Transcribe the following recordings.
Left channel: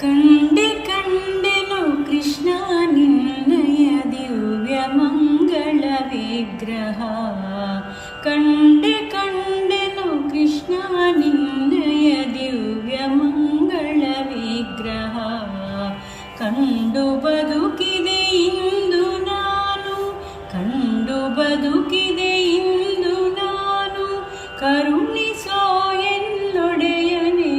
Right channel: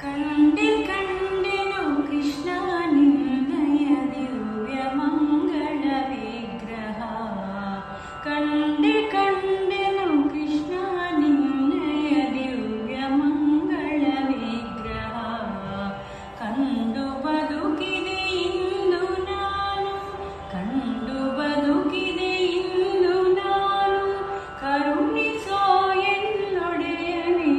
ಕಂಡೆ ಕಂಡೆನು ಕೃಷ್ಣ ನಿನ್ನಯ ದಿವ್ಯ ಮಂಗಳ ವಿಗ್ರಹ. ಕಂಡೆ ಕಂಡೆನು ಕೃಷ್ಣ ನಿನ್ನಯ ದಿವ್ಯ ಮಂಗಳ ವಿಗ್ರಹ. ಕಂಡು ಬದುಕಿದೆ ಇಂದು ನಾನು, ಕಂಡು ಬದುಕಿದೆ ಇಂದು ನಾನು, ಕರುಣಿಸೋ ಎನ್ನೊಡೆಯನೇ.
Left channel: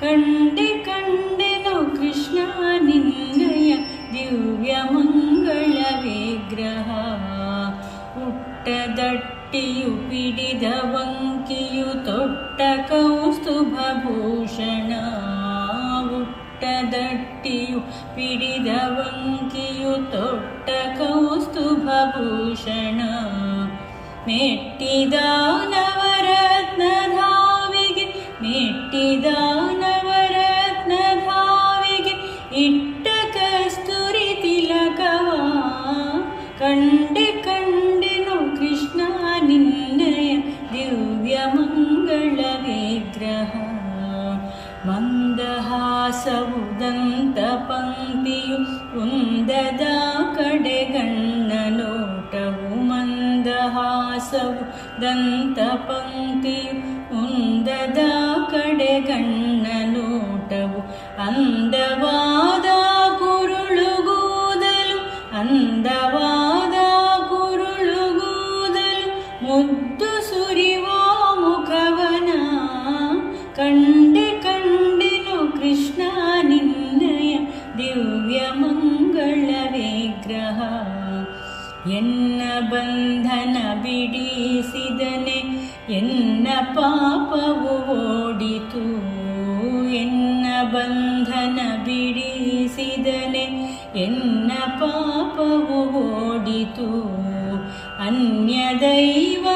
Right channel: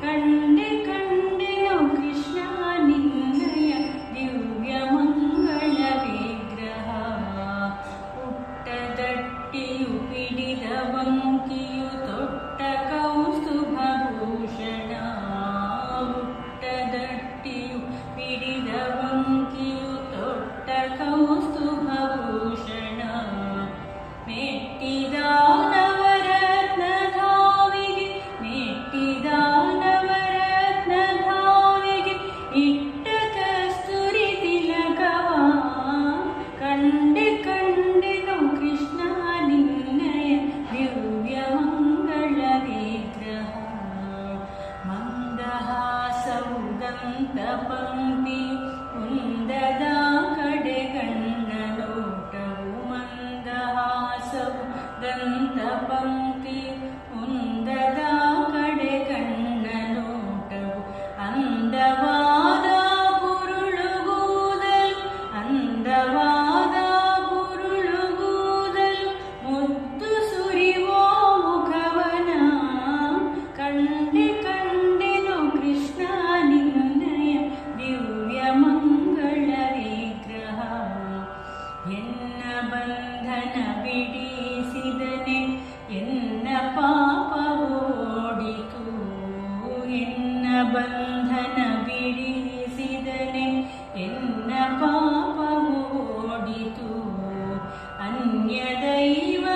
ಕಂಡೆ ಕಂಡೆನು ಕೃಷ್ಣ ನಿನ್ನಯ ದಿವ್ಯ ಮಂಗಳ ವಿಗ್ರಹ. ಹುಟ್ಟದಟ್ಟಿಯು ಪಿಡಿದ ವಂಕಿಯು ತೊಟ್ಟ ಕೌಸ್ತುಭ ಭೂಷಣ. ಹುಟ್ಟದಟ್ಟಿಯು ಪಿಡಿದ ವಂಕಿಯು ತೊಟ್ಟ ಕೌಸ್ತುಭ ಭೂಷಣ. ಮೆಟ್ಟಿದ ನವರತ್ನ ಧಾವಿಗೆ, ಮೆಟ್ಟಿದ ನವರತ್ನ ಧಾವಿಗೆ ಇಟ್ಟ ಕಸ್ತೂರಿ ತಿಲಕವ. ಕಂಡೆ ಕಂಡೆನು ಕೃಷ್ಣ ನಿನ್ನಯ ದಿವ್ಯ ಮಂಗಳ ವಿಗ್ರಹ. ಮಂದಹಾಸವು ದಂತ ಪಂಕ್ತಿಯು ಕುಂದದ ಕಡೆಗಣ್ಣ ನೋಟವು. ಮಂದಹಾಸವು ದಂತ ಪಂಕ್ತಿಯು ಕುಂದದ ಕಡೆಗಣ್ಣ ನೋಟವು. ಅಂದವಾದ ಕುರುಳುಗೂದಲು, ಅಂದವಾದ ಕುರುಳುಗೂದಲು ಮುದ್ದು ಸುರಿವೋ ಮುಖವನ. ಕಂಡೆ ಕಂಡೆನು ಕೃಷ್ಣ ನಿನ್ನಯ ದಿವ್ಯ ಮಂಗಳ ವಿಗ್ರಹ. ಎನ್ನ ಬಂಧನ ಬಿಡಿಸಿದನೆ, ಎನ್ನ ಪಾಪವು ಓಡಿತು. ಎನ್ನ ಬಂಧನ ಬಿಡಿಸಿದನೆ, ಎನ್ನ ಪಾಪವು ಓಡಿತು. ಅನ್ಯ ದೈವ